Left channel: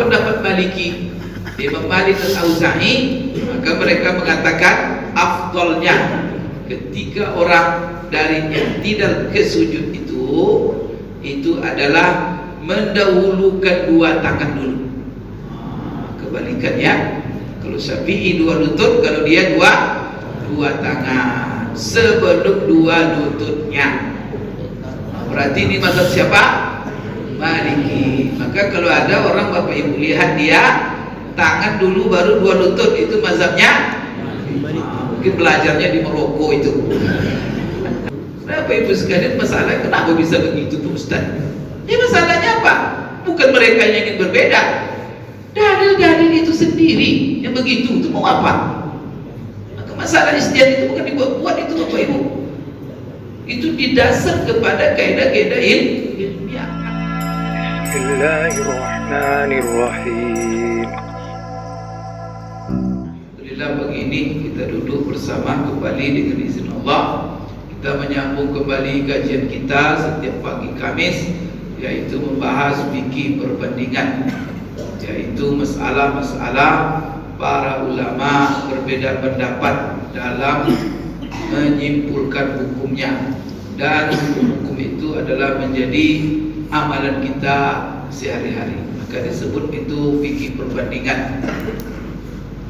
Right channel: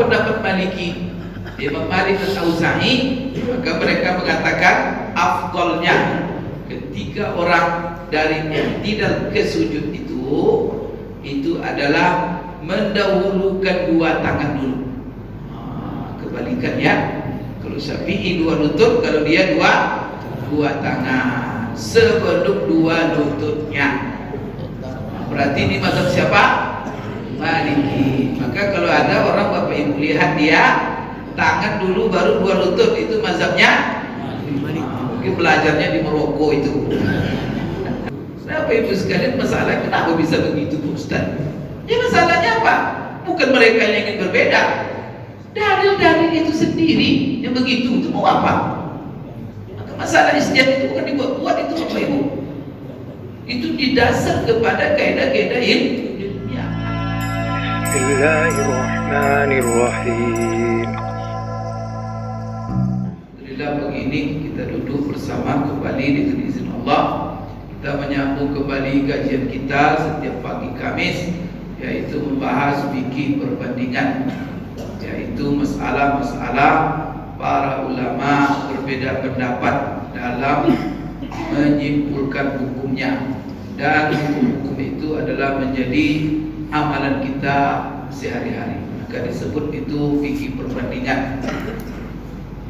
Apa pendapat Maliki? Imam Malik dan Auza'i, maka mereka mengatakan afdalnya ketika orang dari i'tidal ke sujud itu adalah mendahulukan dua tangan dulu. Kebalikannya, kalau Syafi'i dua lutut, kalau dia dua tangan sebelum dua lututnya. Berarti ini mazhab siapa? Maliki. Maka kalau ada orang Bapak Ibu lihat dia tangan dulu baru dua lutut, itu mazhabnya mungkin belajarnya di Maroko itu. Bapak Ibu sekalian, masalah kenapa bisa begitu Ustaz? Ya masalahnya apa? Bukan mereka yang ingin berbeda. Dalil-dalil itu sendiri yang begitu, itu mau apa? Maka masalah ijtihad itu bukan dibuat-buat itu Bapak Ibu. Itu didasar kepada kaidah-kaidah ilmiah. Bismillahirrahmanirrahim. Alhamdulillah, pagi ini kita duduk bersama kembali dengan izin Allah. Kita menyambung kembali kajian kita setiap pagi Kamis, yaitu membahas fikih perbandingan, yaitu masalah-masalah para ulama berbeda pendapat dalam menyimpulkan hukumnya, dan hukum itu adalah menjadi amalan kita sehari-hari. Maka disebut itu fikih perbandingan.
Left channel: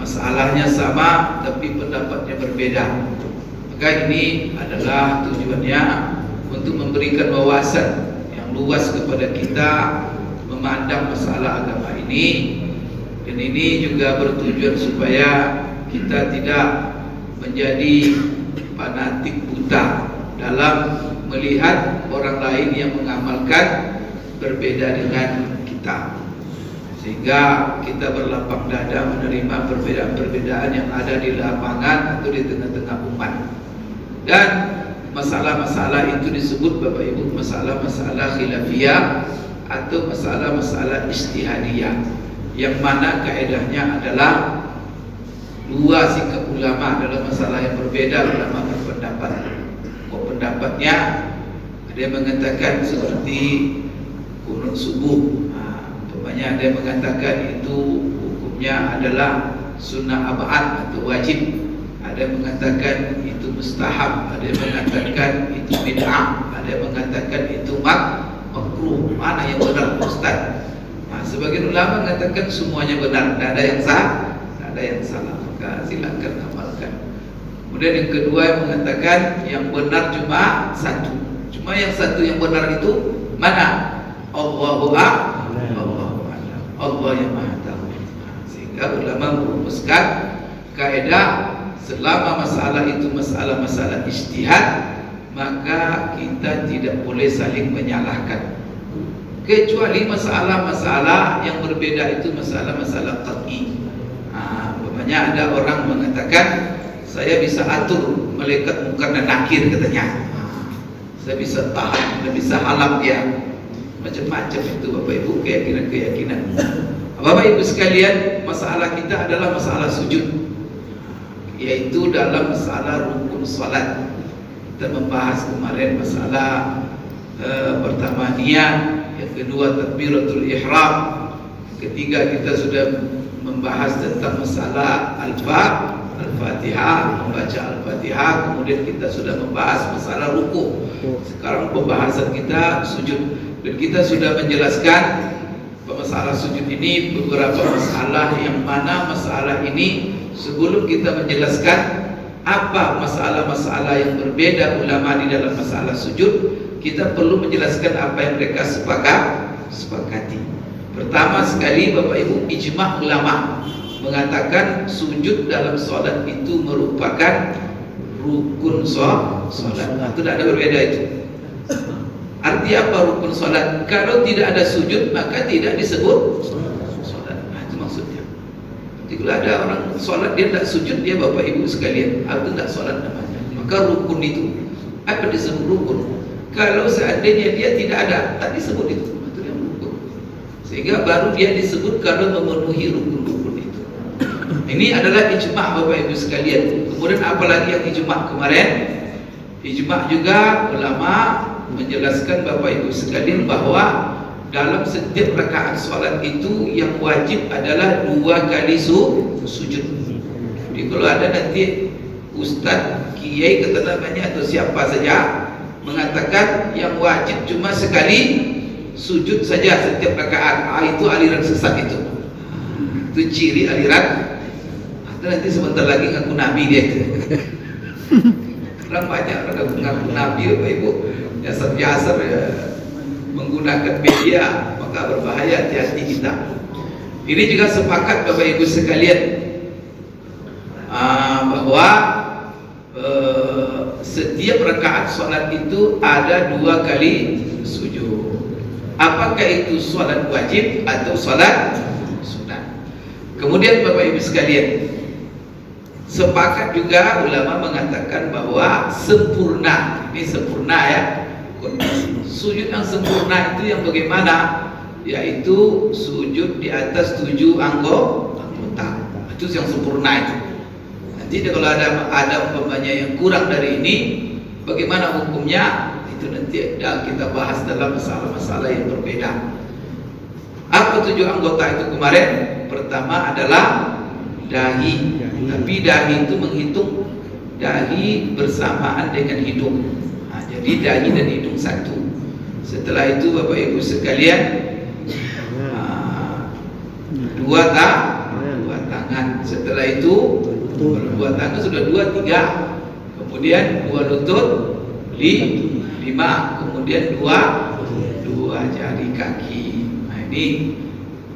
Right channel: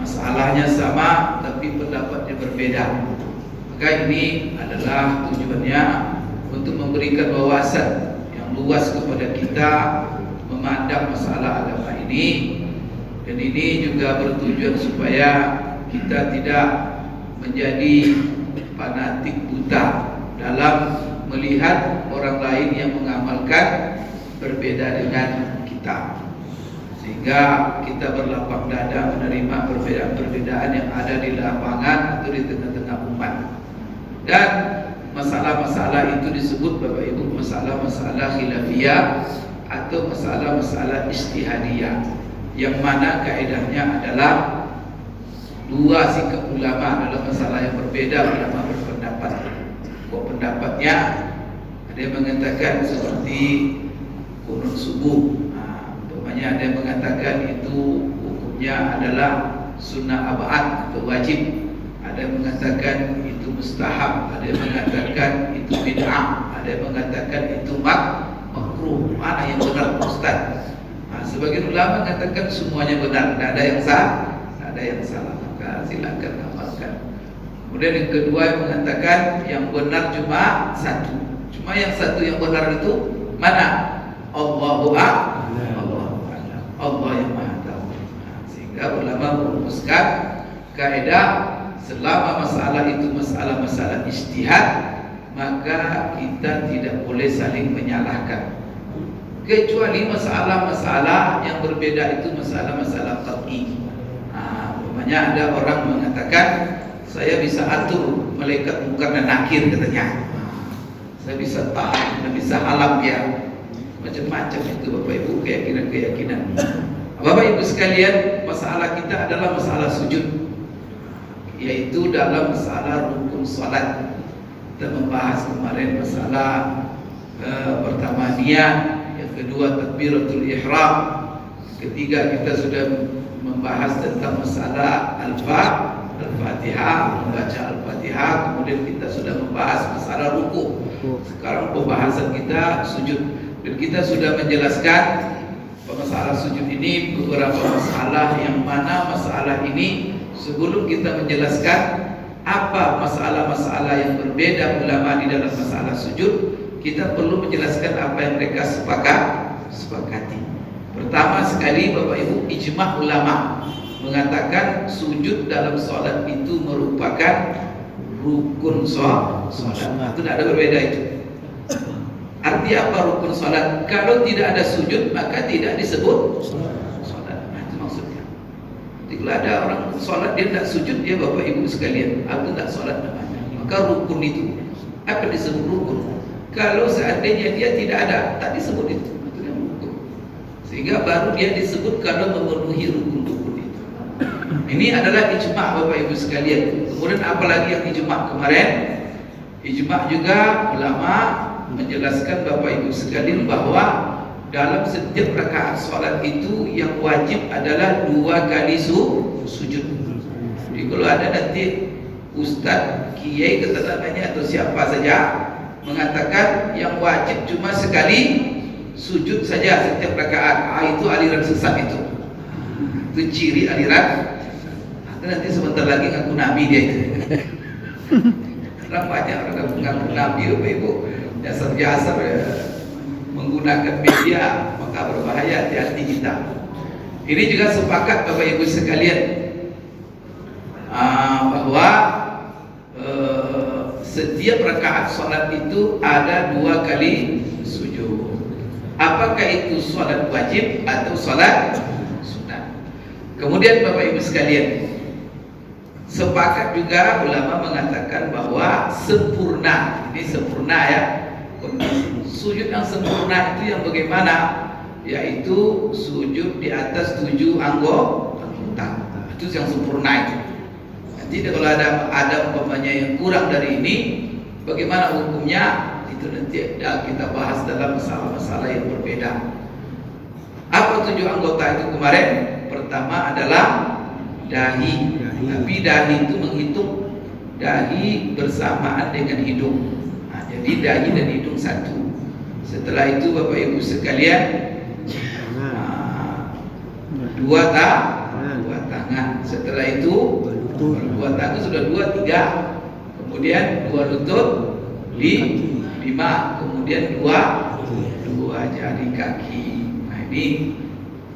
Masalahnya sama tapi pendapatnya berbeda. Maka ini adalah tujuannya untuk memberikan wawasan yang luas kepada kita memandang masalah agama ini. Dan ini juga bertujuan supaya kita tidak menjadi fanatik buta dalam melihat orang lain yang mengamalkan berbeda dengan kita, sehingga kita berlapang dada menerima perbedaan-perbedaan yang ada di lapangan atau di tengah-tengah umat. Dan masalah-masalah itu disebut Bapak Ibu masalah-masalah khilafiyah atau masalah-masalah ijtihadiyah, yang mana kaidahnya adalah dua sikap ulama dalam masalah yang berbeda. Ulama berpendapat, pendapatnya ada yang mengatakan seperti kunut subuh, umpamanya ada yang mengatakan itu hukumnya adalah sunnah abad atau wajib, ada yang mengatakan itu mustahab, ada yang mengatakan itu bid'ah, ada yang mengatakan itu makruh. Mana yang benar Ustaz? Sebagian ulama mengatakan semuanya benar, tidak ada yang sah, tidak ada yang salah. Maka silakan amalkan. Kemudian yang kedua yang mengatakan yang benar cuma satu. Cuma yang satu yang benar itu mana? Allahu Akbar. Allah yang Maha Tahu. Sehingga ulama merumuskan kaidah selama masalah itu masalah-masalah ijtihad, maka kita tidak boleh saling menyalahkan, kecuali masalah-masalah yang berbeda itu masalah-masalah qat'i. Umpamanya ada orang mengatakan saya bisa atur malaikat munkar dan nakir katanya. Saya bisa tahan, saya bisa halang dia. Macam-macam itu Bapak Ibu keyakinan-keyakinan. Bapak Ibu sekalian, masalah kita adalah masalah sujud, yaitu dalam masalah rukun salat. Kita membahas kemarin masalah pertama niat, yang kedua takbiratul ihram, ketiga kita sudah membahas tentang masalah Al-Fatihah, membaca Al-Fatihah, kemudian kita sudah membahas masalah ruku. Sekarang pembahasan kita sujud, dan kita sudah menjelaskan masalah sujud ini beberapa masalah, yang mana masalah ini sebelum kita menjelaskan apa masalah-masalah yang berbeda ulama di dalam masalah sujud, kita perlu menjelaskan apa yang mereka sepakati. Pertama sekali Bapak Ibu, ijma' ulama mengatakan sujud dalam sholat itu merupakan rukun sholat. Itu tidak ada berbeda itu. Arti apa rukun sholat? Kalau tidak ada sujud maka tidak disebut sholat. Itu maksudnya. Jadi kalau ada orang sholat dia tidak sujud, dia Bapak Ibu sekalian, itu tidak sholat namanya. Maka rukun itu, apa disebut rukun? Kalau seandainya dia tidak ada, tak disebut itu. Itu yang rukun. Sehingga baru dia disebut kalau memenuhi rukun-rukun itu. Ini adalah ijma' Bapak Ibu sekalian. Kemudian apalagi yang ijma' kemarin? Ijma' juga ulama menjelaskan Bapak Ibu sekalian bahwa dalam setiap rakaat solat itu yang wajib adalah 2 kali sujud. Jadi kalau ada nanti ustaz, kiai kata namanya atau siapa saja mengatakan yang wajib cuma sekali sujud saja setiap rakaat, itu aliran sesat itu ciri aliran. Nanti sebentar lagi ngaku nabi dia itu. Karena banyak orang mengaku nabi, Bapak Ibu, biasa menggunakan media, maka berbahaya, hati-hati kita. Ini juga sepakat Bapak Ibu sekalian bahwa setiap rakaat sholat itu ada 2 kali sujud. Apakah itu sholat wajib atau sholat sunat? Kemudian Bapak Ibu sekalian, sepakat juga ulama mengatakan bahwa sempurna, ini sempurna ya, sujud yang sempurna itu yang bagaimana? Yaitu sujud di atas 7 anggota, itu yang sempurna itu. Nanti kalau ada umpamanya yang kurang dari ini, bagaimana hukumnya? Itu nanti kita bahas dalam masalah-masalah yang berbeda. Apa 7 anggota itu kemarin? Pertama adalah dahi. Tapi dahi itu menghitung dahi bersamaan dengan hidung. Jadi dahi dan hidung satu. Setelah itu Bapak Ibu sekalian, 2 tangan. Setelah itu 2 tangan sudah 2, 3. Kemudian 2 lutut, 5. Kemudian 2 jari kaki. Nah,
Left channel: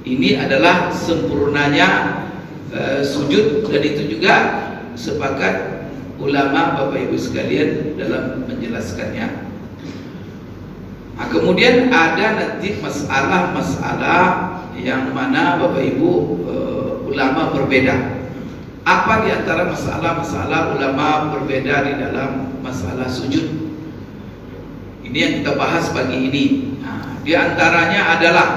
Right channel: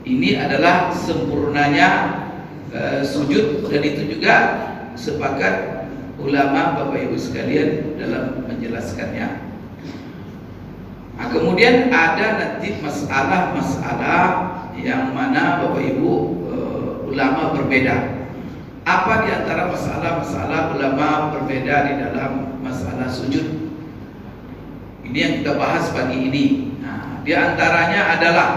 ini adalah sempurnanya sujud, dan itu juga sepakat ulama Bapak Ibu sekalian dalam menjelaskannya. Nah, kemudian ada nanti masalah-masalah yang mana Bapak Ibu ulama berbeda. Apa di antara masalah-masalah ulama berbeda di dalam masalah sujud? Ini yang kita bahas pagi ini. Nah, di antaranya adalah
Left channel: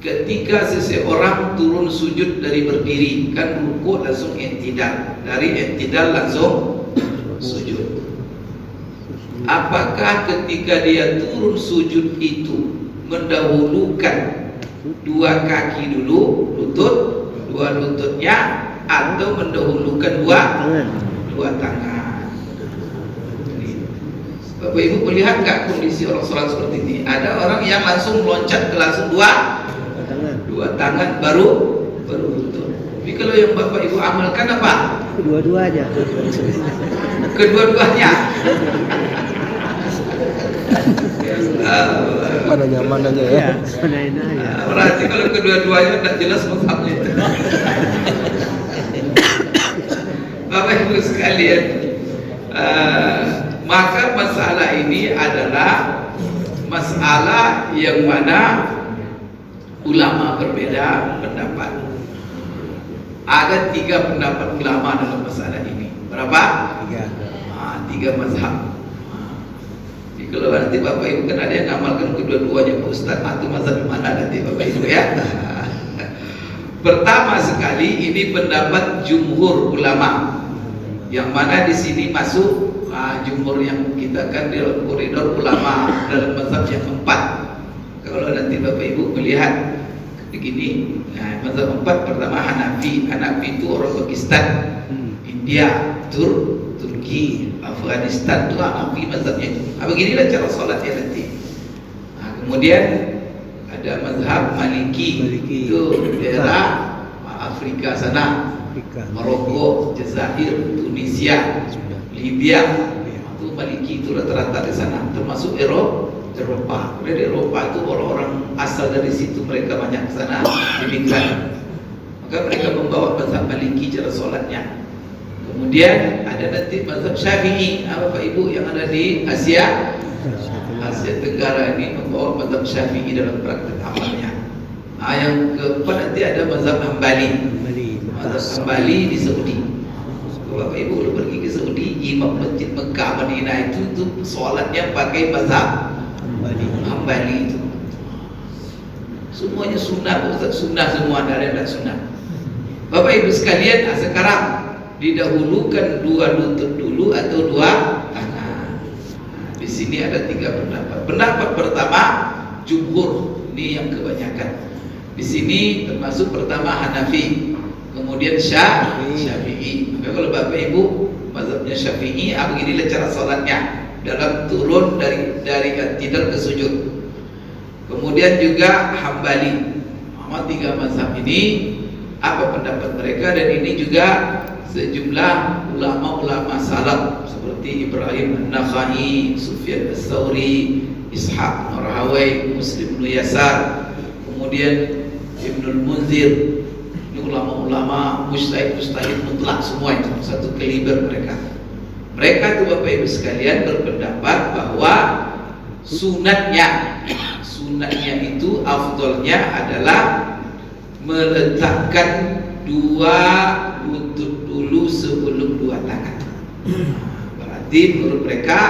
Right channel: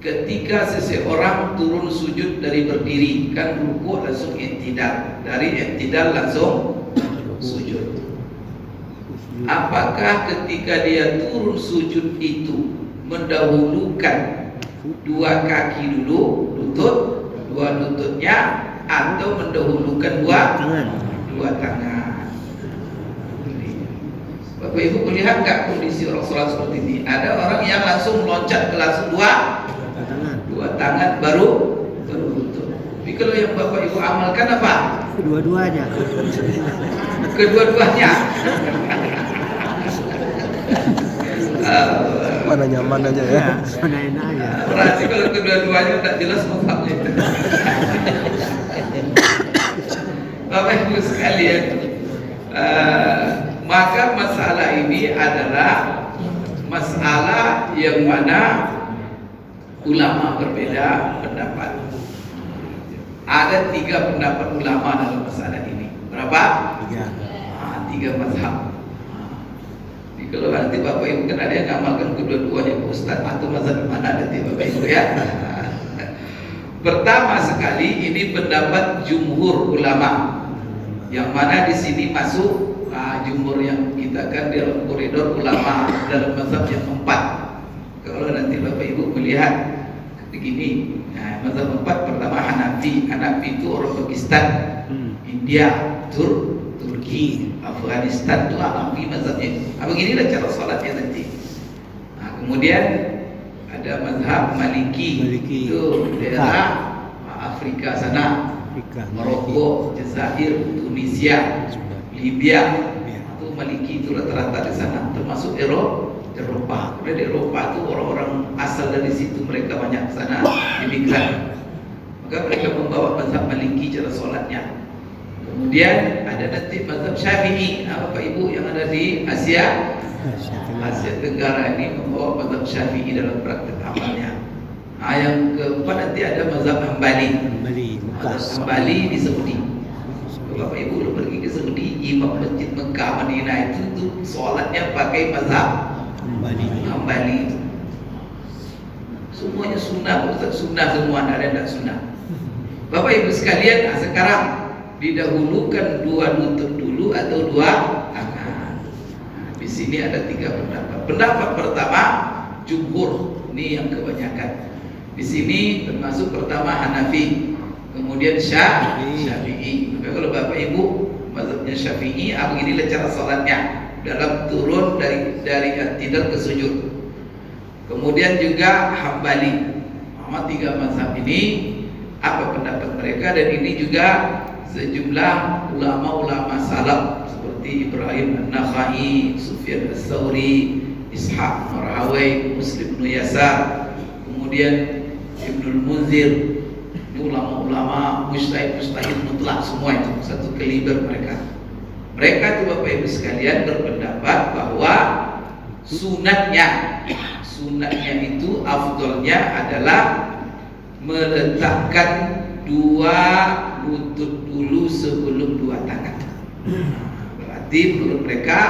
ketika seseorang turun sujud dari berdiri, kan ruku langsung i'tidal, dari i'tidal langsung sujud. Apakah ketika dia turun sujud itu mendahulukan 2 kaki dulu, lutut, 2 lututnya, atau mendahulukan 2 tangan? Bapak Ibu melihat nggak kondisi orang sholat seperti ini? Ada orang yang langsung meloncat ke langsung 2 tangan baru lutut. Tapi kalau yang Bapak Ibu amalkan apa? Kedua-duanya. Kedua-duanya. Mana nyaman aja ya. Berarti kalau kedua-duanya tidak jelas mazhabnya. Bapak Ibu sekalian, maka masalah ini adalah masalah yang mana ulama berbeda pendapat. Ada 3 pendapat ulama dalam masalah ini. Berapa? 3 mazhab. Jadi kalau nanti Bapak Ibu kan ada yang ngamalkan kedua-duanya, Ustaz, atau mazhab mana nanti Bapak Ibu ya? Pertama sekali ini pendapat jumhur ulama, yang mana di sini masuk jumhur yang kita kan dalam koridor ulama dalam mazhab yang 4. Kalau nanti Bapak Ibu melihat begini, mazhab 4 pertama Hanafi. Hanafi itu orang Pakistan, India, Turki, Afghanistan, itu Hanafi mazhabnya. Beginilah cara sholatnya nanti. Kemudian ada mazhab Maliki. Itu daerah Afrika sana, Maroko, Jazair, Tunisia, Libya. Itu Maliki itu rata-rata di sana, termasuk Eropa. Dari Eropa itu orang-orang asal dari situ, mereka banyak sana imigran. Maka mereka membawa mazhab Maliki cara sholatnya. Kemudian ada nanti mazhab Syafi'i, Bapak Ibu yang ada di Asia Tenggara ini membawa mazhab Syafi'i dalam praktek amalnya. Yang keempat nanti ada mazhab Hambali. Mazhab Hambali di Saudi. Kalau Bapak Ibu pergi ke Saudi, imam masjid Mekah Madinah itu sholatnya pakai mazhab Hambali itu. Semuanya sunnah, Ustaz, sunnah semua, ada sunnah. Bapak Ibu sekalian, sekarang didahulukan 2 lutut dulu atau 2 tangan. Di sini ada 3 pendapat. Pendapat pertama jumhur Ini yang kebanyakan. Di sini termasuk pertama Hanafi, kemudian Syafi'i. Maka kalau Bapak Ibu mazhabnya Syafi'i, beginilah cara salatnya dalam turun dari i'tidal ke sujud. Kemudian juga Hambali. Tiga mazhab ini apa pendapat mereka, dan ini juga sejumlah ulama-ulama salaf seperti Ibrahim An-Nakhai, Sufyan Ats-Tsauri, Ishaq Rahawai, Muslim bin Yasar, kemudian Ibnul Munzir. Ini ulama-ulama mujtahid mutlak semua, itu satu kaliber mereka. Mereka itu Bapak Ibu sekalian berpendapat bahwa sunatnya itu afdolnya adalah meletakkan dua lutut dulu sebelum dua tangan. Berarti menurut mereka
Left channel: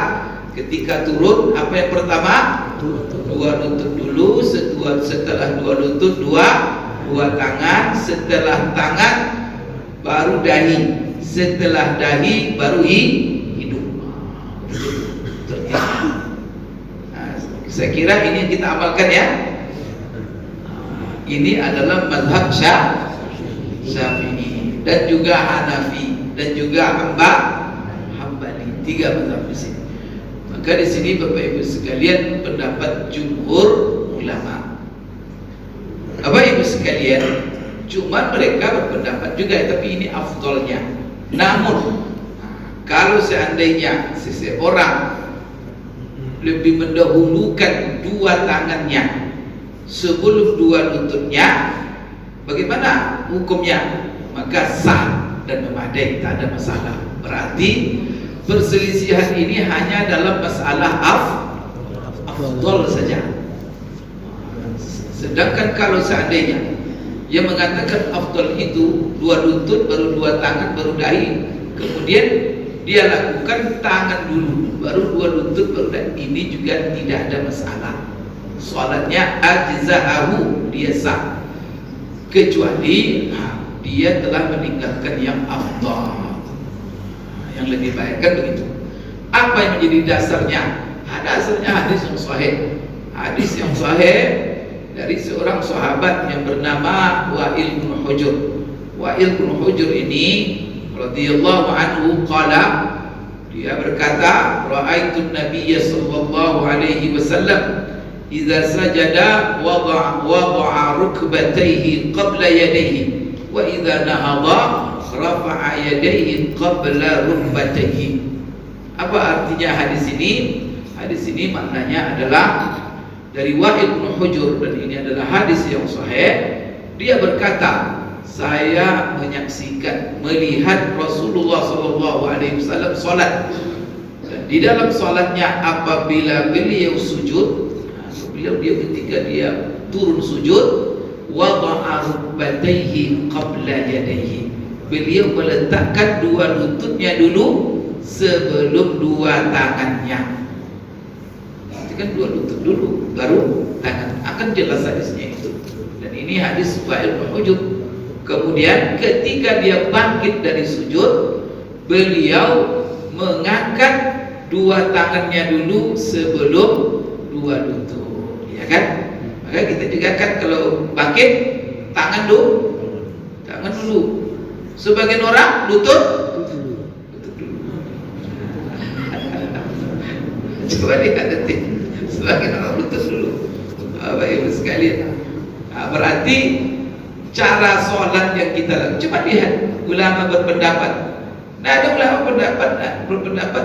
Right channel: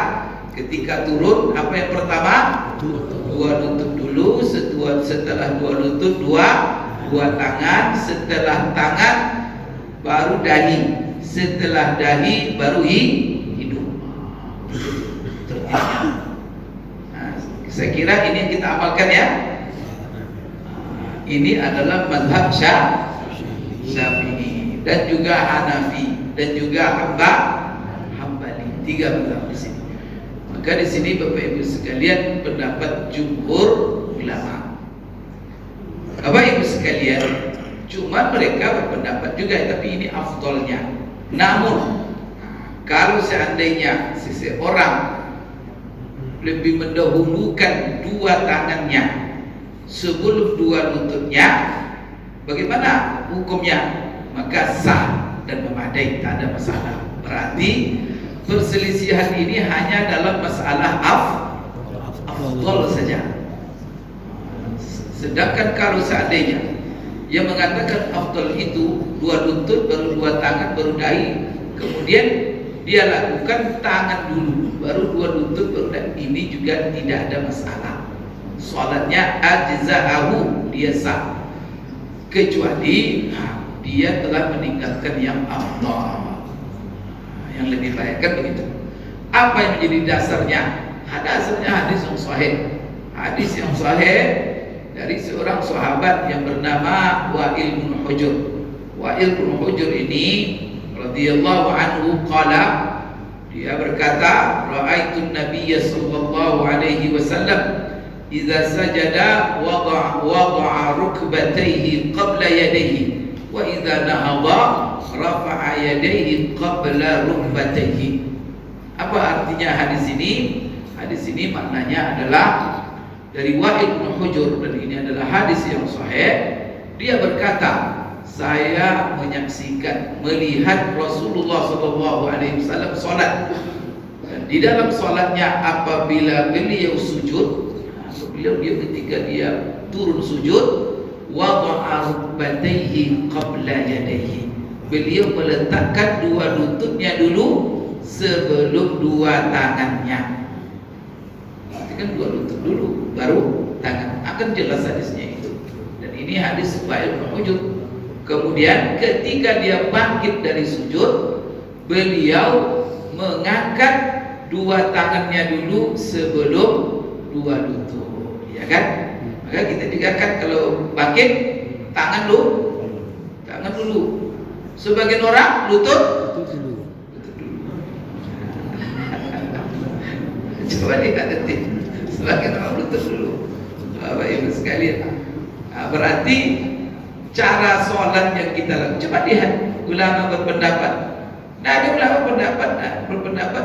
ketika turun apa yang pertama? Dua lutut dulu, setelah dua lutut dua tangan, setelah tangan baru dahi, setelah dahi baru hidung. Saya kira ini yang kita amalkan ya. Ini adalah mazhab Syafi'i dan juga Hanafi dan juga Hambali. Tiga mazhab di sini. Maka di sini Bapak Ibu sekalian pendapat jumhur ulama. Bapak Ibu sekalian, cuma mereka berpendapat juga, tapi ini afdolnya. Namun kalau seandainya seseorang lebih mendahulukan dua tangannya sebelum dua lututnya, bagaimana hukumnya? Maka sah dan memadai, tak ada masalah. Berarti perselisihan ini hanya dalam masalah afdol saja. Sedangkan kalau seandainya yang mengatakan afdol itu dua lutut baru dua tangan baru dahi, kemudian dia lakukan tangan dulu baru dua lutut baru dahi, ini juga tidak ada masalah. Salatnya ajza'ahu, dia sah, kecuali dia telah meninggalkan yang afdal, yang lebih baik, kan begitu. Apa yang menjadi dasarnya? Dasarnya hadis yang sahih. Hadis yang sahih dari seorang sahabat yang bernama Wa'il bin Hujr. Wa'il bin Hujr ini radhiyallahu anhu qala, dia berkata, ra'aitu Nabiyya sallallahu alaihi wasallam idza sajada wada'a rukbatayhi qabla yadayhi wa idza nahadha rafa'a yadayhi qabla rukbatayhi. Apa artinya hadis ini? Hadis ini maknanya adalah dari Wa'il bin Hujr, dan ini adalah hadis yang sahih. Dia berkata, saya menyaksikan, melihat Rasulullah SAW solat. Dan di dalam solatnya apabila beliau sujud, ketika dia turun sujud, wada'a rukbatayhi qabla yadayhi, beliau meletakkan dua lututnya dulu sebelum dua tangannya. Kan dua lutut dulu baru tangan. Akan jelas hadisnya itu. Dan ini hadis Wa'il bin Hujr. Kemudian ketika dia bangkit dari sujud, beliau mengangkat dua tangannya dulu sebelum dua lutut. Ya kan? Maka kita juga kan kalau bangkit tangan dulu. Sebagian orang lutut dulu. Coba lihat nanti. Sebagian orang lutut dulu. Bapak Ibu sekalian. Berarti cara sholat yang kita lakukan, coba lihat ulama berpendapat. Nah, ada ulama berpendapat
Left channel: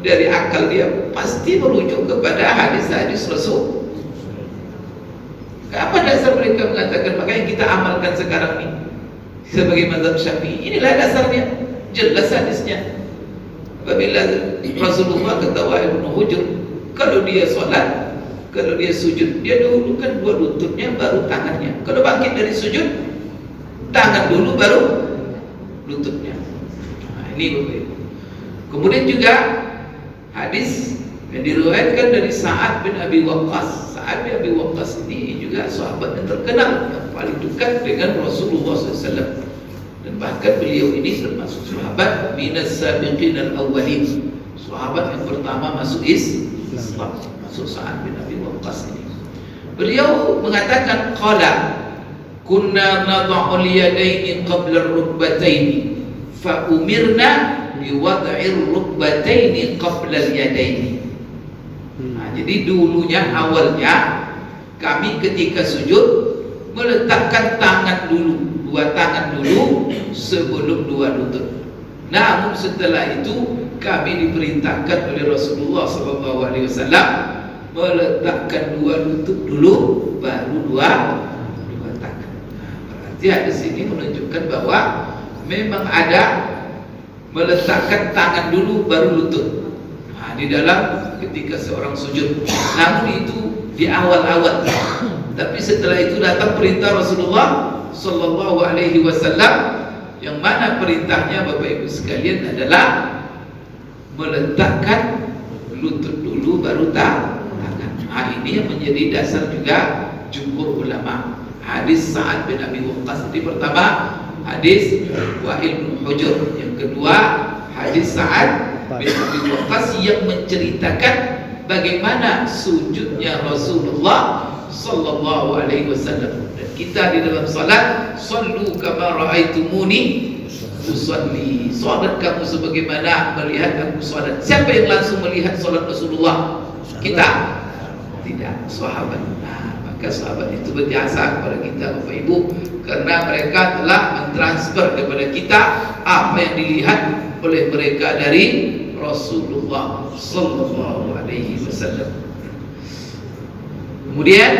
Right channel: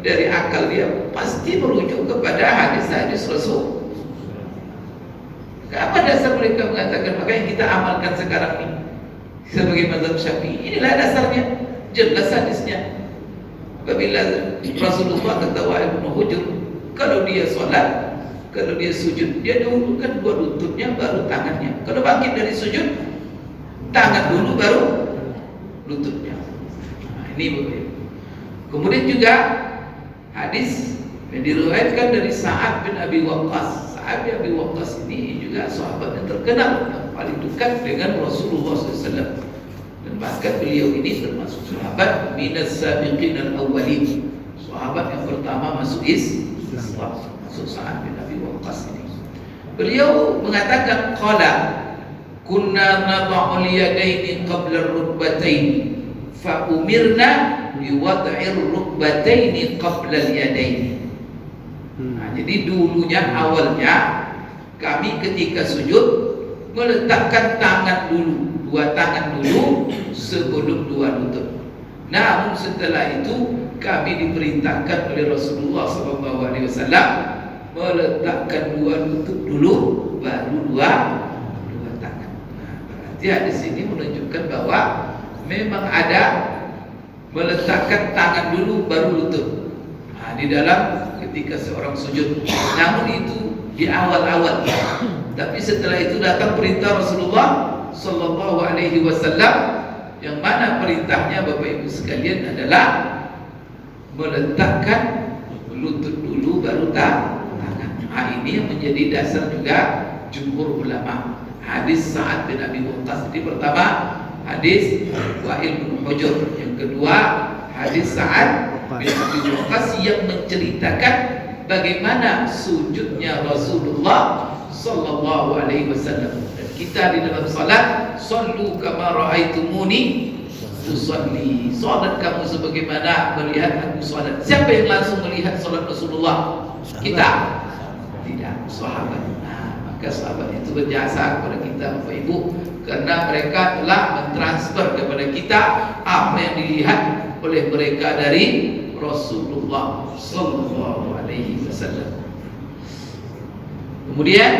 dari akal dia pasti merujuk kepada hadis-hadis Rasul. Apa dasar mereka mengatakan? Maka yang kita amalkan sekarang ini sebagai mazhab Syafi'i, inilah dasarnya, jelas hadisnya. Apabila Rasulullah kata Wa'il bin Hujr, kalau dia sholat, kalau dia sujud, dia dahulukan dua lututnya baru tangannya. Kalau bangkit dari sujud, tangan dulu baru lututnya. Nah, ini begitu. Kemudian juga hadis yang diriwayatkan dari Sa'ad bin Abi Waqqas. Sa'ad bin Abi Waqqas ini juga sahabat yang terkenal, yang paling dekat dengan Rasulullah SAW. Dan bahkan beliau ini termasuk sahabat minas sabiqin al-awwalin, sahabat yang pertama masuk Islam, masuk Sa'ad bin Abi Waqqas ini. Beliau mengatakan qala kunna nad'u al-yadaini qabla ar-rukbataini fa umirna biwad'i ar-rukbataini qabla al-yadaini. Jadi dulunya awalnya kami ketika sujud meletakkan tangan dulu, dua tangan dulu sebelum dua lutut. Namun setelah itu kami diperintahkan oleh Rasulullah SAW meletakkan dua lutut dulu, baru dua tangan. Berarti hadis ini menunjukkan bahwa memang ada meletakkan tangan dulu baru lutut. Di dalam ketika seorang sujud. Namun itu di awal-awal. Tapi setelah itu datang perintah Rasulullah Sallallahu Alaihi Wasallam, yang mana perintahnya Bapak Ibu sekalian adalah meletakkan lutut dulu baru tangan. Ini yang menjadi dasar juga jumhur ulama. Hadis Sa'ad bin Abi Waqqas ini pertama, hadis Wa'il bin Hujur. Yang kedua, hadis Sa'ad bin Abi Waqqas yang menceritakan bagaimana sujudnya Rasulullah Sallallahu Alaihi Wasallam. Dan kita di dalam salat, sallu kama ra'aitumuni usalli. Salat kamu sebagaimana melihat aku salat. Siapa yang langsung melihat salat Rasulullah? Kita. Tidak, sahabat. Maka sahabat itu berjasa kepada kita Bapak Ibu, karena mereka telah mentransfer kepada kita apa yang dilihat oleh mereka dari Rasulullah Sallallahu Alaihi Wasallam. Kemudian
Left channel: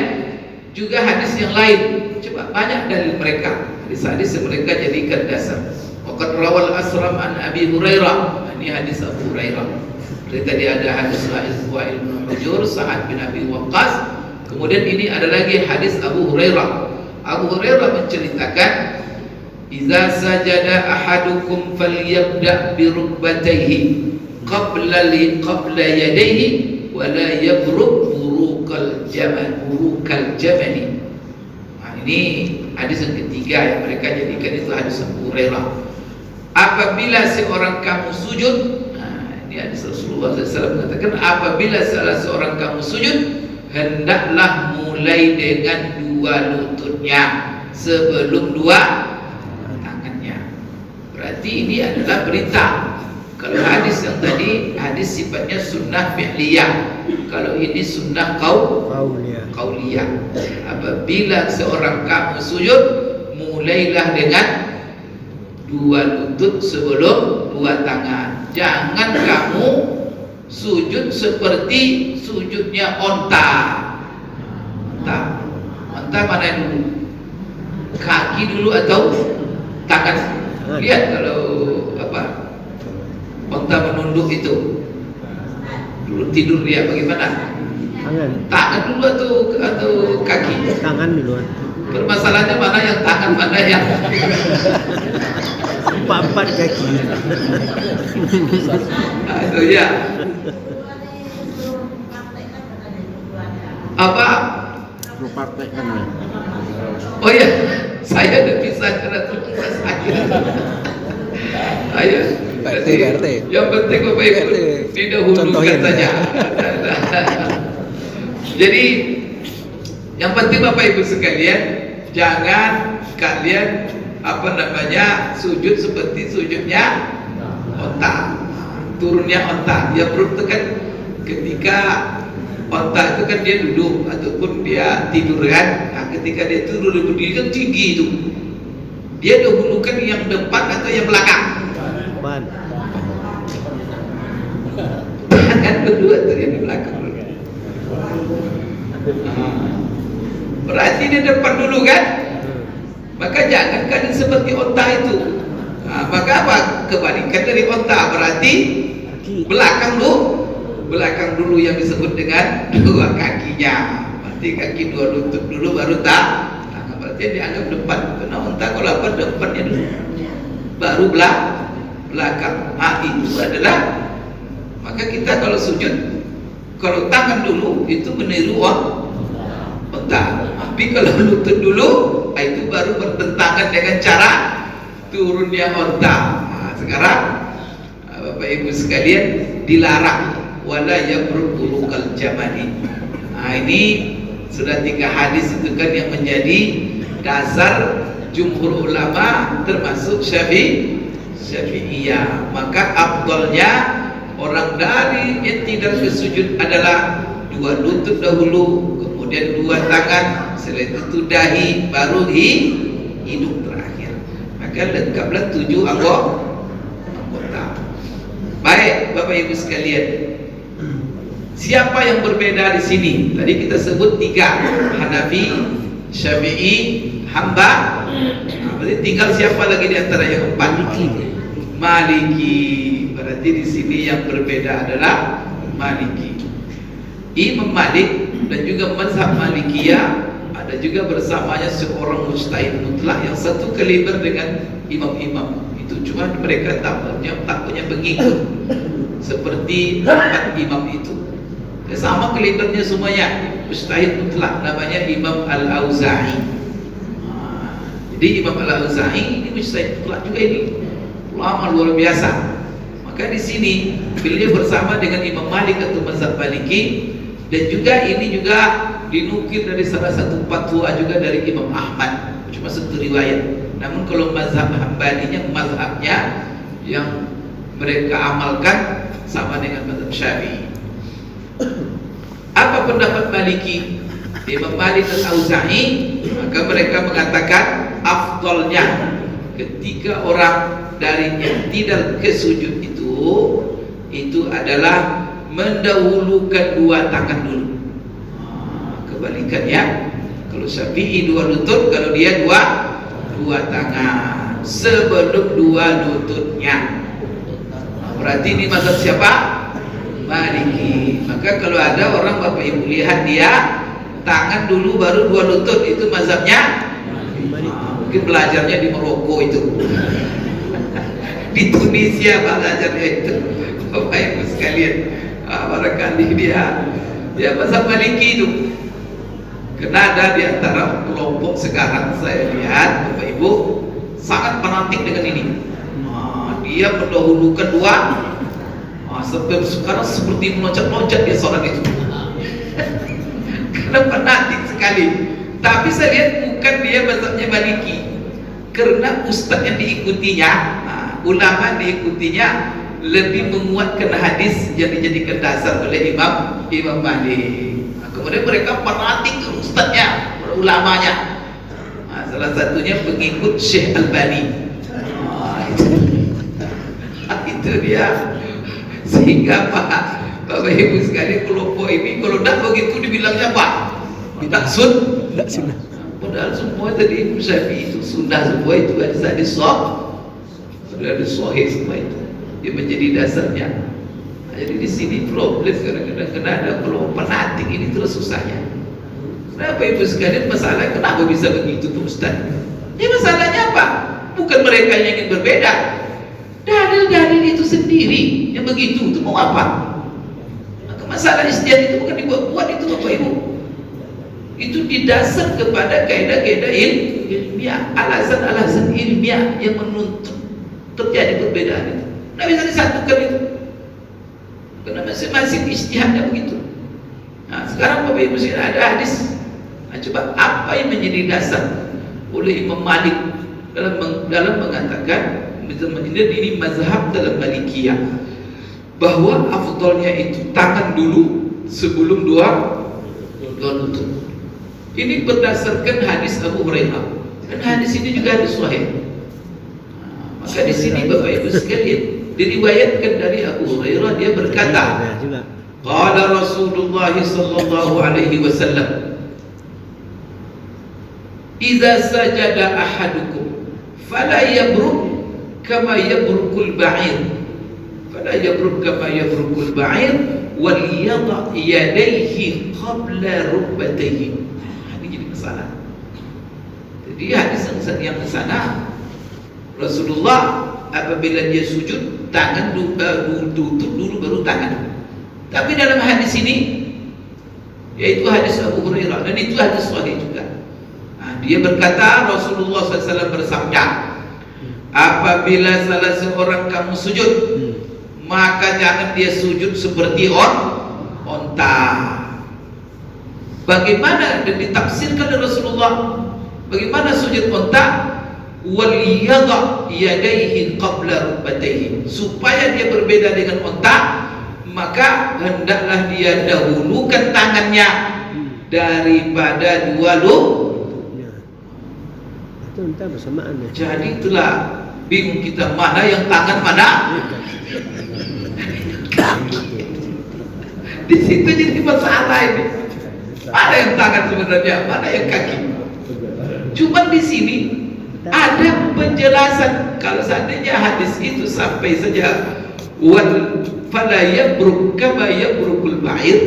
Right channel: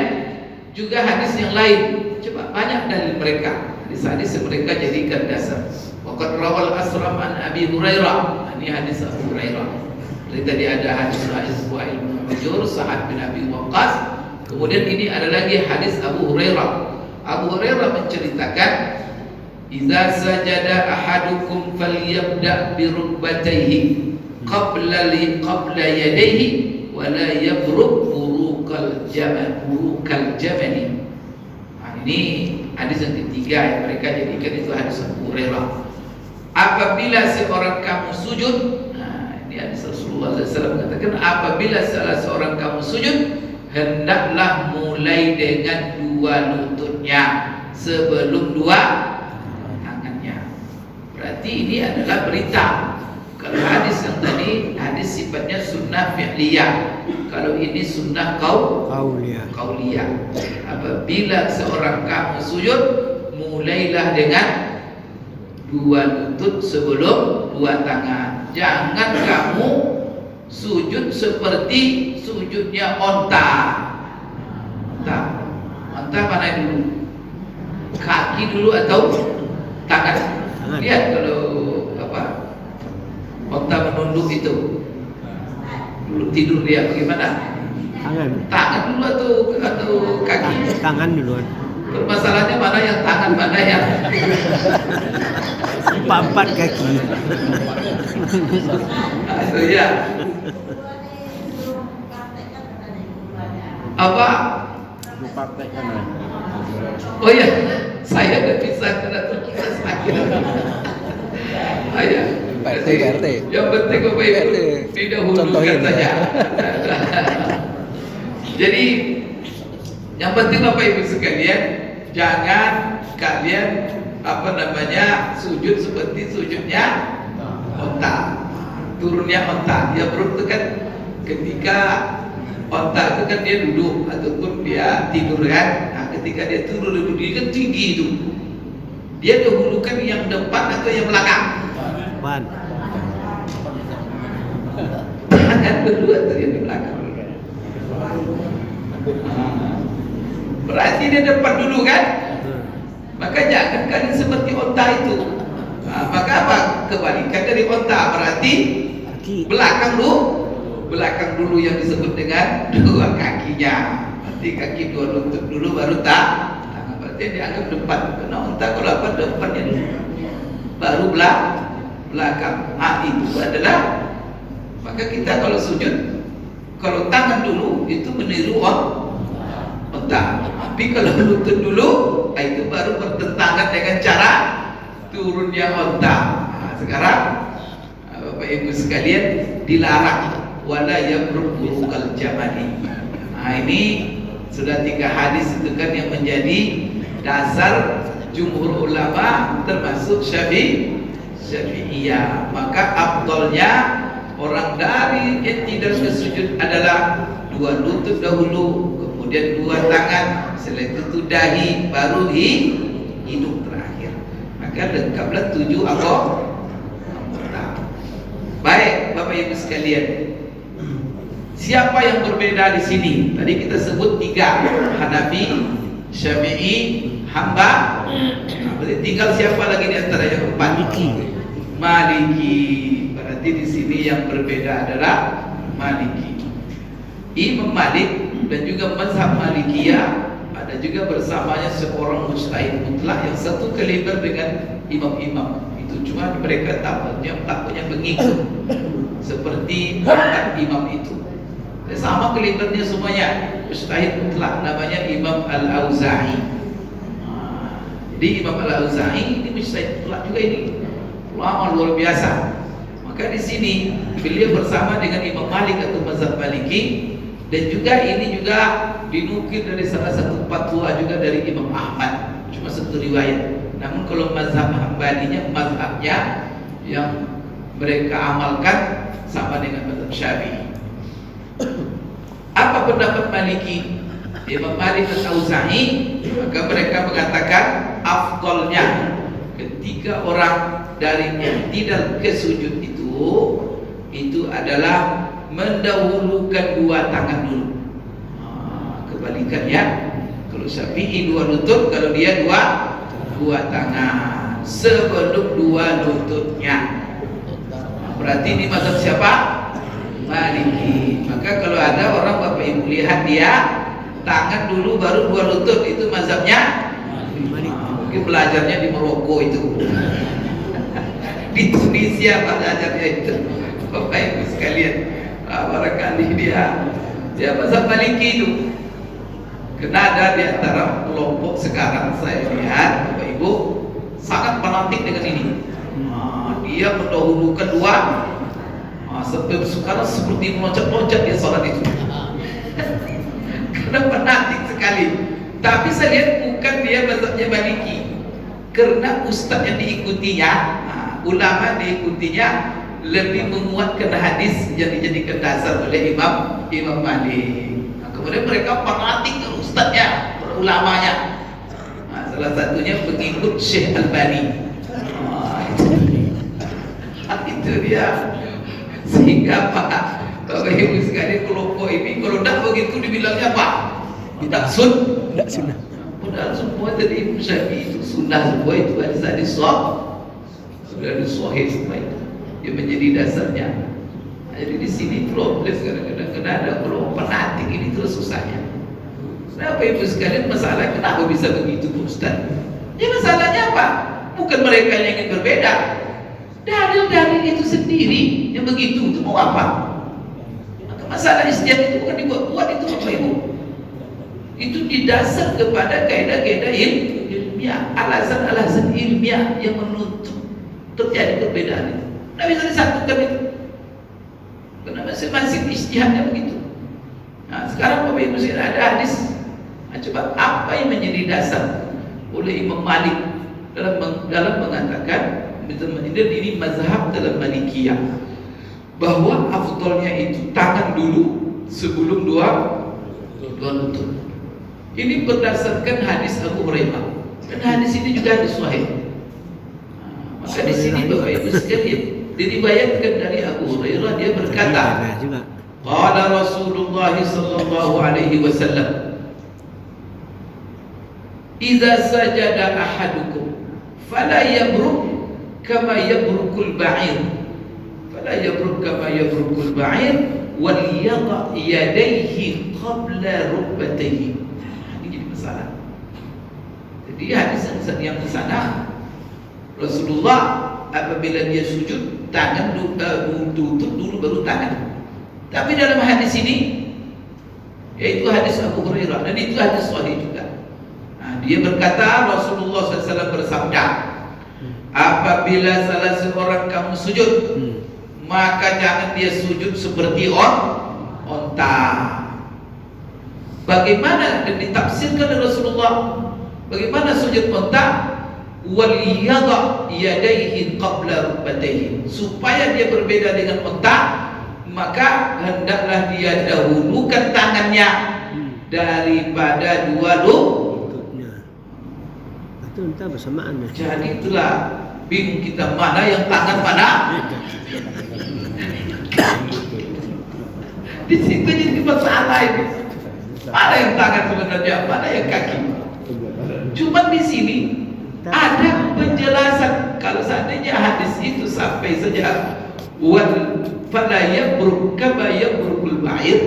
juga hadis yang lain, coba banyak dari mereka, hadis-hadis yang mereka jadikan dasar. Waqad rawal Asram an Abi Hurairah. Ini hadis Abu Hurairah. Jadi tadi ada hadis Wa'il bin Hujur, Sa'ad bin Abi Waqqas. Kemudian ini ada lagi hadis Abu Hurairah. Abu Hurairah menceritakan, "Idza sajada ahadukum falyabda' bi rukbatayhi qabla yadayhi wa la yabruk burukal jamal." Ini hadis yang ketiga yang mereka jadikan itu hadis Abu Hurairah. Apabila seorang kamu sujud, ini hadis Rasulullah SAW mengatakan, apabila salah seorang kamu sujud, hendaklah mulai dengan dua lututnya sebelum dua tangannya. Berarti ini adalah berita. Kalau hadis yang tadi hadis sifatnya sunnah fi'liyah, kalau ini sunnah qauliyah. Apabila seorang kamu sujud, mulailah dengan dua lutut sebelum dua tangan. Jangan kamu sujud seperti sujudnya onta. Onta mana dulu? Kaki dulu atau tangan? Lihat kalau onta menunduk itu, dulu tidur dia bagaimana? Tangan dulu atau kaki? Tangan duluan. Permasalahannya mana yang tangan, mana yang Empat kaki. Ya. Apa? Oh ya, saya udah bisa terus akhirnya. Ayah. PRT. Yang penting Bapak Ibu tidak contohin saja. Jadi yang penting Bapak Ibu sekalian, jangan kalian sujud seperti sujudnya onta, turunnya onta. Ya bro, itu kan ketika onta itu kan dia duduk ataupun dia tidur kan. Nah, ketika dia duduk kan tinggi itu, dia dahulukan yang depan atau yang belakang? Depan. Tangan berdua tuh yang di belakang. Berarti dia depan dulu kan? Maka jangan kalian seperti onta itu. Maka apa? Kebalikan dari onta, berarti belakang dulu yang disebut dengan dua kakinya. Berarti kaki dua lutut dulu baru tangan. Berarti dianggap depan. Karena onta kalau apa depannya dulu, baru belakang. Itu adalah, maka kita kalau sujud, kalau tangan dulu itu meniru onta. Tapi kalau lutut dulu, itu baru bertentangan dengan cara turunnya onta. Sekarang Bapak Ibu sekalian dilarang wala yabruk burukal jamali. Ini Sudah 3 hadis itu kan yang menjadi dasar jumhur ulama termasuk Syafi'iyah. Maka afdalnya orang dari i'tidal ke sujud adalah 2 lutut dahulu, kemudian 2 tangan, setelah itu dahi, baru hidung terakhir. Maka lengkaplah 7 anggota. Baik, Bapak Ibu sekalian. Siapa yang berbeda di sini? Tadi kita sebut 3, Hanafi, Syafi'i, Hamba. Berarti tinggal siapa lagi di antara yang 4? Maliki. Berarti di sini yang berbeda adalah Maliki. Imam Malik dan juga mazhab Malikiyah ada juga bersamanya seorang mujtahid mutlak yang satu kaliber dengan imam-imam. Itu cuma mereka tak punya pengikut seperti 4 imam itu. Sama kalibernya semuanya, mujtahid mutlak, namanya Imam Al-Auza'i. Jadi Imam Al-Auza'i ini mujtahid mutlak juga, ini ulama luar biasa. Maka di sini beliau bersama dengan Imam Malik atau mazhab Maliki, dan juga ini juga dinukil dari salah satu fatwa juga dari Imam Ahmad, cuma satu riwayat. Namun kalau mazhab Hambalinya, mazhabnya yang mereka amalkan sama dengan mazhab Syafi'i. Apa pendapat Maliki? Imam Malik dan Auza'i, maka mereka mengatakan afdalnya ketika orang dari i'tidal ke sujud itu adalah mendahulukan 2 tangan dulu. Kebalikannya, kalau Syafi'i 2 lutut, kalau dia 2 tangan sebelum 2 lututnya. Berarti ini mazhab siapa? Maliki. Maka kalau ada orang Bapak Ibu lihat dia tangan dulu baru 2 lutut, itu mazhabnya mungkin belajarnya di Maroko itu. Di Tunisia belajarnya itu. Bapak Ibu sekalian, barangkali dia mazhab Maliki itu. Karena ada di antara kelompok sekarang saya lihat Bapak Ibu sangat fanatik dengan ini. Dia mendahulukan 2. Sampai sekarang seperti meloncat-loncat dia sholat itu. Karena fanatik sekali. Tapi saya lihat bukan dia mazhabnya Maliki, karena ustaz yang diikutinya, ulama diikutinya lebih menguatkan hadis yang dijadikan dasar oleh Imam Malik. Kemudian mereka fanatik ke ustaznya, ulamanya. Salah satunya pengikut Syekh Albani. Itu dia. Sehingga Bapak Ibu sekalian, kelompok ini kalau tidak begitu dibilangnya apa? Tidak sunnah. Padahal semua tadi Syafi'i itu sunnah, semua itu ada di sudah ada sahih semua itu yang menjadi dasarnya. Jadi di sini problem kadang-kadang kena ada kelompok fanatik ini terus susahnya. Bapak Ibu sekalian, masalah kenapa bisa begitu Ustaz? Ya masalahnya apa? Bukan mereka yang ingin berbeda. Dalil-dalil itu sendiri yang begitu itu mau apa? Maka masalah ijtihad itu bukan dibuat-buat itu Bapak Ibu. Itu didasar kepada kaidah-kaidah ilmiah, alasan-alasan ilmiah yang menuntut terjadi perbedaan itu. Tidak bisa disatukan itu. Karena masing-masing ijtihadnya begitu. Nah, sekarang Bapak Ibu ada hadis. Nah, coba apa yang menjadi dasar oleh Imam Malik dalam mengatakan ini mazhab dalam Malikiyah, bahwa afdalnya itu tangan dulu sebelum 2 lutut. Ini berdasarkan hadis Abu Hurairah. Dan hadis ini juga hadis sahih. Maka di sini Bapak Ibu sekalian, diriwayatkan dari Abu Hurairah, dia berkata, qala Rasulullah sallallahu alaihi wasallam, idza sajada ahadukum fala yabruk kama yabrukul ba'ir, fala yabruk kama yabrukul ba'ir wal yada yadayhi qabla rukbatayhi. Ini jadi masalah. Jadi hadis yang di sana Rasulullah apabila dia sujud tangan tutup dulu baru tangan. Tapi dalam hadis ini, yaitu hadis Abu Hurairah, dan itu hadis sahih juga. Dia berkata, Rasulullah SAW bersabda, apabila salah seorang kamu sujud, maka jangan dia sujud seperti onta. Bagaimana dan ditafsirkan oleh Rasulullah bagaimana sujud unta, wal yadha yadayhi qabla rukbatayhi, supaya dia berbeda dengan unta, maka hendaklah dia dahulukan tangannya daripada dua lututnya. Itu entah bersamaan ya. Jadi itulah bingung kita, mana yang tangan, mana di situ jadi masalah ini. Mana yang tangan sebenarnya, mana yang kaki? Cuman di sini ada penjelasan. Kalau seandainya hadis itu sampai saja wal fala yabruk kama yabrukul ba'ir,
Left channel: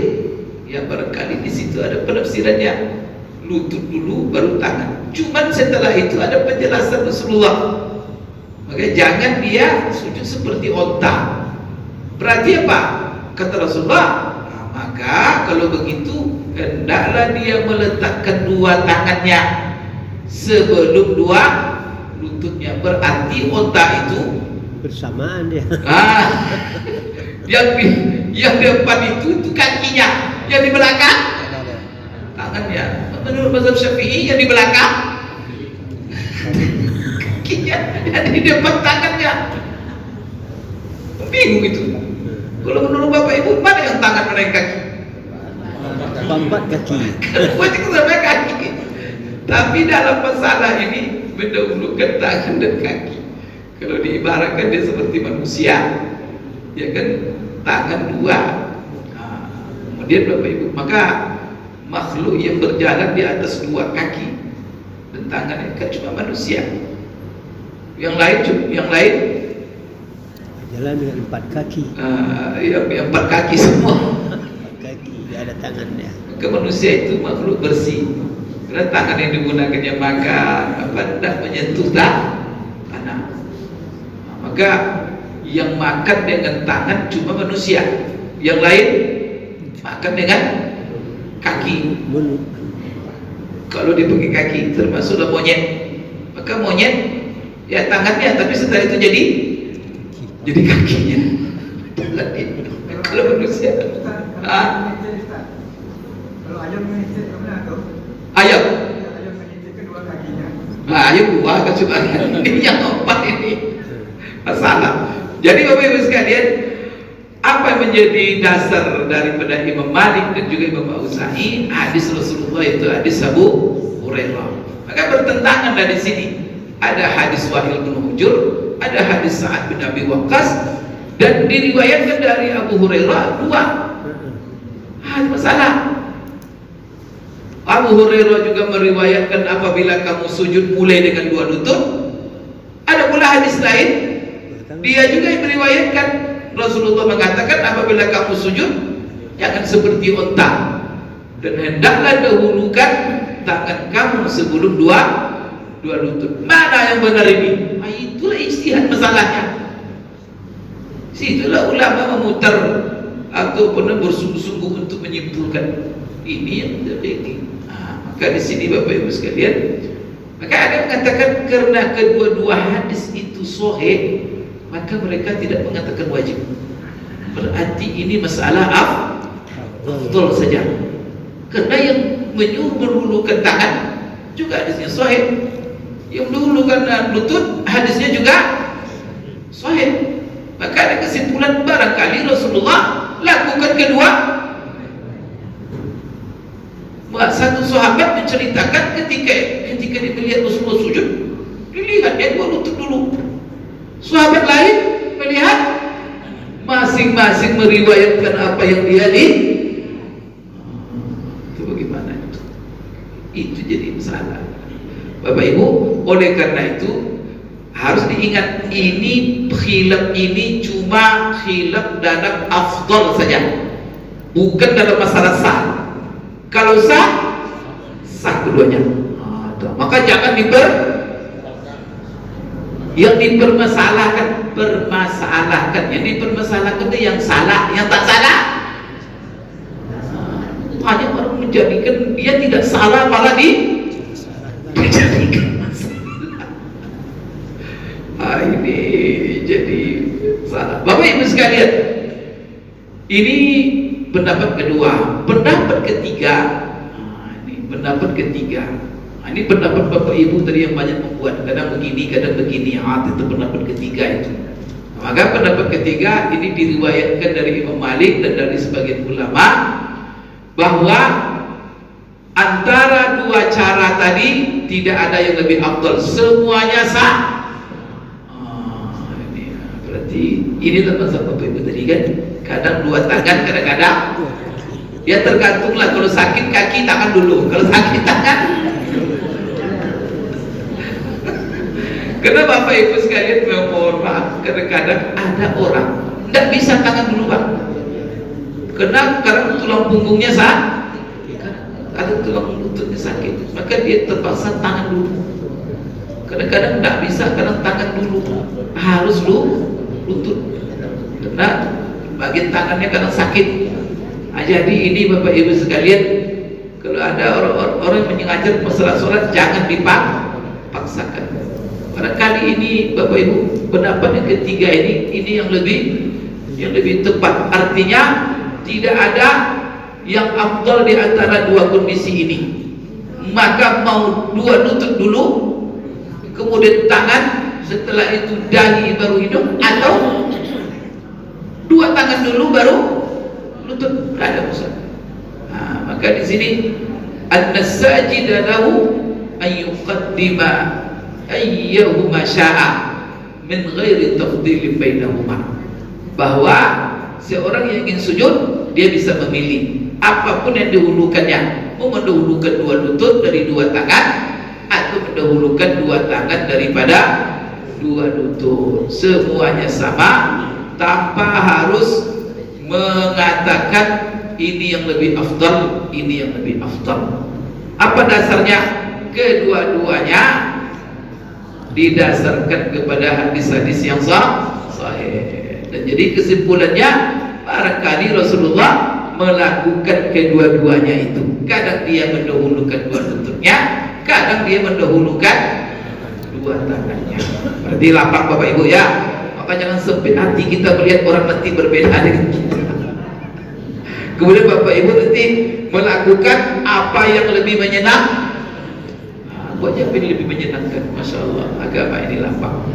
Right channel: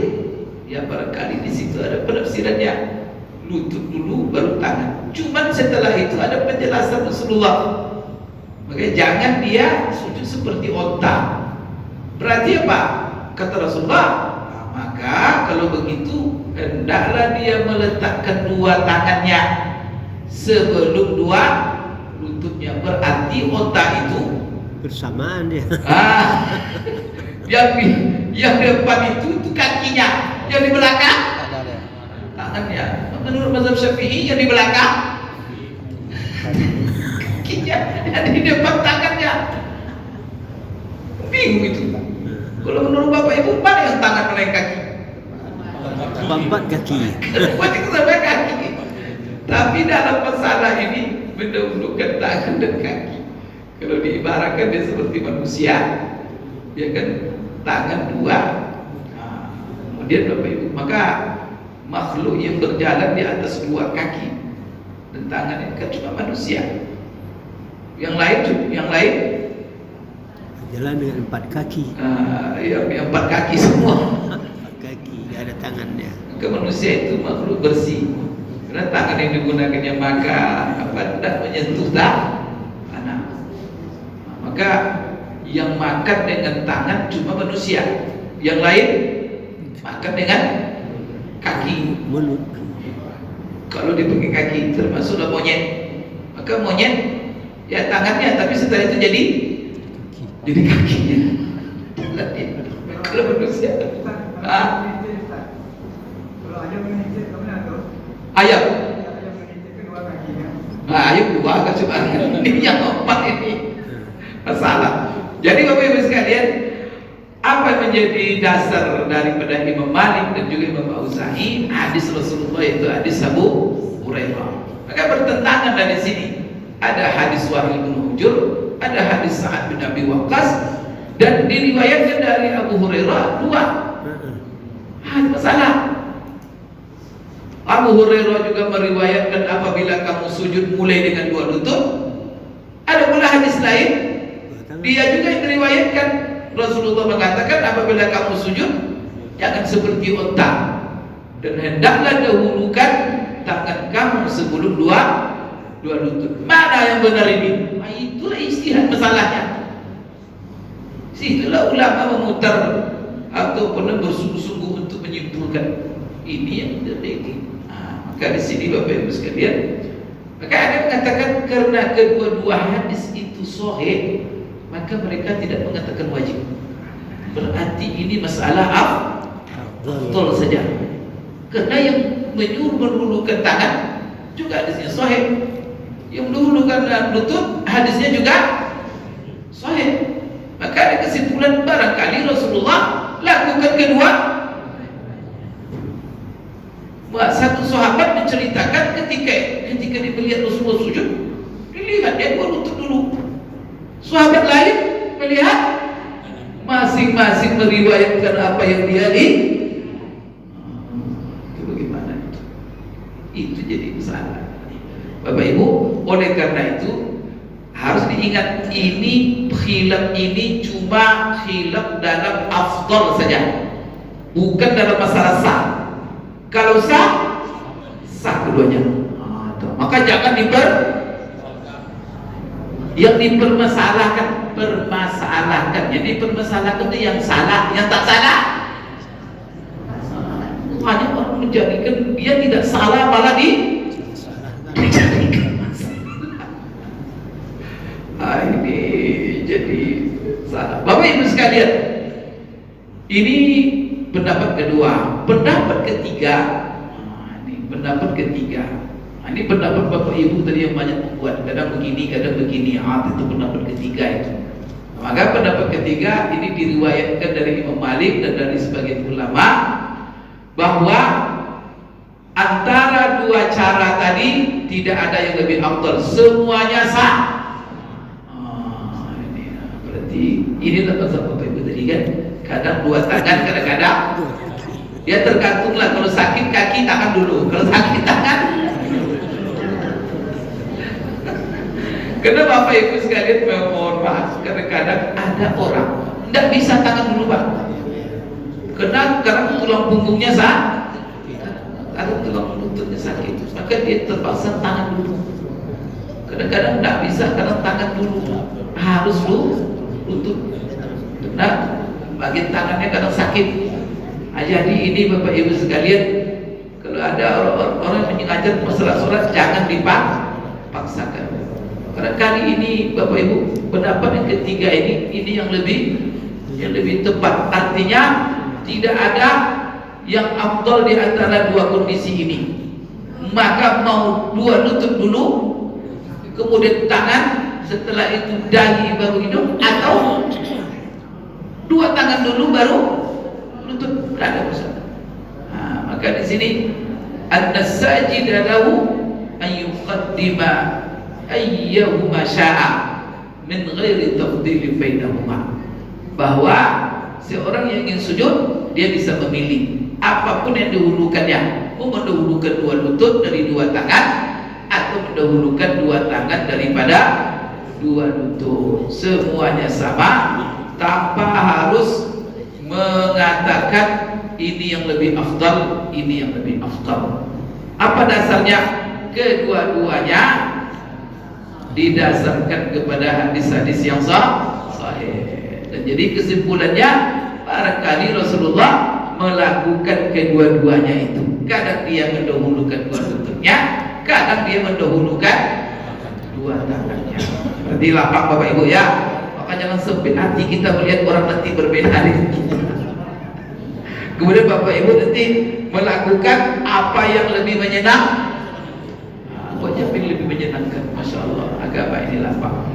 ya barangkali di situ ada penafsirannya, lutut dulu baru tangan. Cuman setelah itu ada penjelasan Rasulullah. Maka jangan dia sujud seperti onta. Berarti apa? Kata Rasulullah, nah, maka kalau begitu hendaklah dia meletakkan dua tangannya sebelum dua lututnya. Berarti onta itu bersamaan dia. Yang depan itu kakinya, yang di belakang tangannya. Menurut mazhab Syafi'i yang di belakang kakinya, yang di depan tangannya. Bingung itu. Kalau menurut Bapak Ibu, mana yang tangan, mana yang kaki? Empat kaki. Berarti sampai kaki. Tapi dalam masalah ini mendahulukan tangan dan kaki. Kalau diibaratkan dia seperti manusia, ya kan, tangan dua. Nah, kemudian Bapak Ibu, maka makhluk yang berjalan di atas dua kaki dan tangannya kan cuma manusia. Yang lain jalan dengan empat kaki. Yang empat kaki semua. Kaki, tidak ada tangannya. Ke manusia itu makhluk bersih. Karena tangan yang digunakannya makan, tidak menyentuh tanah. Maka yang makan dengan tangan cuma manusia. Yang lain makan dengan kaki. Mulut. Kalau dia pakai kaki termasuklah monyet. Maka monyet ya tangannya, tapi setelah itu jadi kakinya. Kalau manusia, ayam. Ayam dua kan cuma ini yang empat ini masalah. Jadi Bapak Ibu sekalian, apa yang menjadi dasar daripada Imam Malik dan juga Imam Auza'i? Hadis Rasulullah, itu hadis Abu Hurairah. Maka bertentangan dari sini. Ada hadis Wahil bin Hujur, ada hadis Sa'ad bin Abi Waqqas, dan diriwayatkan dari Abu Hurairah dua. Ada masalah. Abu Hurairah juga meriwayatkan apabila kamu sujud mulai dengan dua lutut. Ada pula hadis lain, dia juga yang meriwayatkan Rasulullah mengatakan apabila kamu sujud jangan seperti unta, dan hendaklah dahulukan tangan kamu sebelum dua lutut. Mana yang benar ini? Itulah ijtihad masalahnya. Situlah ulama memutar ataupun bersungguh-sungguh untuk menyimpulkan ini yang terjadi. Maka di sini Bapak Ibu sekalian, maka ada yang mengatakan karena kedua-dua hadis itu sahih, maka mereka tidak mengatakan wajib. Berarti ini masalah afdal saja. Karena yang menyuruh mendahulukan tangan juga hadisnya sahih, yang mendahulukan lutut hadisnya juga sahih. Maka ada kesimpulan barangkali Rasulullah lakukan kedua. Satu sahabat menceritakan ketika dia melihat Rasulullah sujud, dilihat dia dua lutut dulu. Sahabat lain melihat, masing-masing meriwayatkan apa yang dia lihat. Itu bagaimana? Itu jadi masalah. Bapak Ibu, oleh karena itu harus diingat, ini khilaf ini cuma khilaf dalam afdal saja, bukan dalam masalah sah. Kalau sah keduanya. Maka jangan yang dipermasalahkan, yang dipermasalahkan itu yang salah, yang tak salah. Hanya orang menjadikan dia tidak salah, malah dijadikan masalah. Ini jadi salah. Bapak Ibu sekalian, ini pendapat kedua. Pendapat ketiga, pendapat ketiga. Ini pendapat Bapak Ibu tadi yang banyak membuat, kadang begini, itu pendapat ketiga itu. Maka pendapat ketiga ini diriwayatkan dari Imam Malik dan dari sebagian ulama bahwa antara dua cara tadi tidak ada yang lebih afdal, semuanya sah. Berarti ini tempat Bapak Ibu tadi kan, kadang dua tangan, kadang-kadang ya tergantunglah, kalau sakit kaki tangan dulu, kalau sakit tangan. Karena Bapak Ibu sekalian, mohon maaf, kadang-kadang ada orang tidak bisa tangan dulu Pak, karena tulang punggungnya atau tulang lututnya sakit, maka dia terpaksa tangan dulu. Kadang-kadang tidak bisa, kadang tangan dulu, harus lutut. Nah, bagian tangannya kadang sakit. Jadi ini Bapak Ibu sekalian, kalau ada orang yang mengajar masalah sholat, jangan dipaksakan. Karena kali ini Bapak Ibu, pendapat yang ketiga ini yang lebih tepat. Artinya tidak ada yang afdal di antara dua kondisi ini. Maka mau dua lutut dulu, kemudian tangan, setelah itu dahi baru hidung, atau dua tangan dulu baru lutut, tidak ada masalah. Maka di sini an-sajida lahu an yuqaddima ayyuhuma sya'a min ghairi tafdilin bainahuma, bahwa seorang yang ingin sujud dia bisa memilih apapun yang dihulukannya, mau mendahulukan dua lutut dari dua tangan atau mendahulukan dua tangan daripada dua lutut, semuanya sama tanpa harus mengatakan ini yang lebih afdal, ini yang lebih afdal. Apa dasarnya? Kedua-duanya didasarkan kepada hadis-hadis yang sahih. Dan jadi kesimpulannya, barangkali Rasulullah melakukan kedua-duanya itu. Kadang dia mendahulukan dua lututnya, kadang dia mendahulukan dua tangannya. Berarti lapang Bapak Ibu ya. Maka jangan sempit hati kita melihat orang nanti berbeda dengan kita. Kemudian Bapak Ibu nanti melakukan apa yang lebih menyenangkan. Buat yang lebih menyenangkan, Masya Allah, agama ini lapang.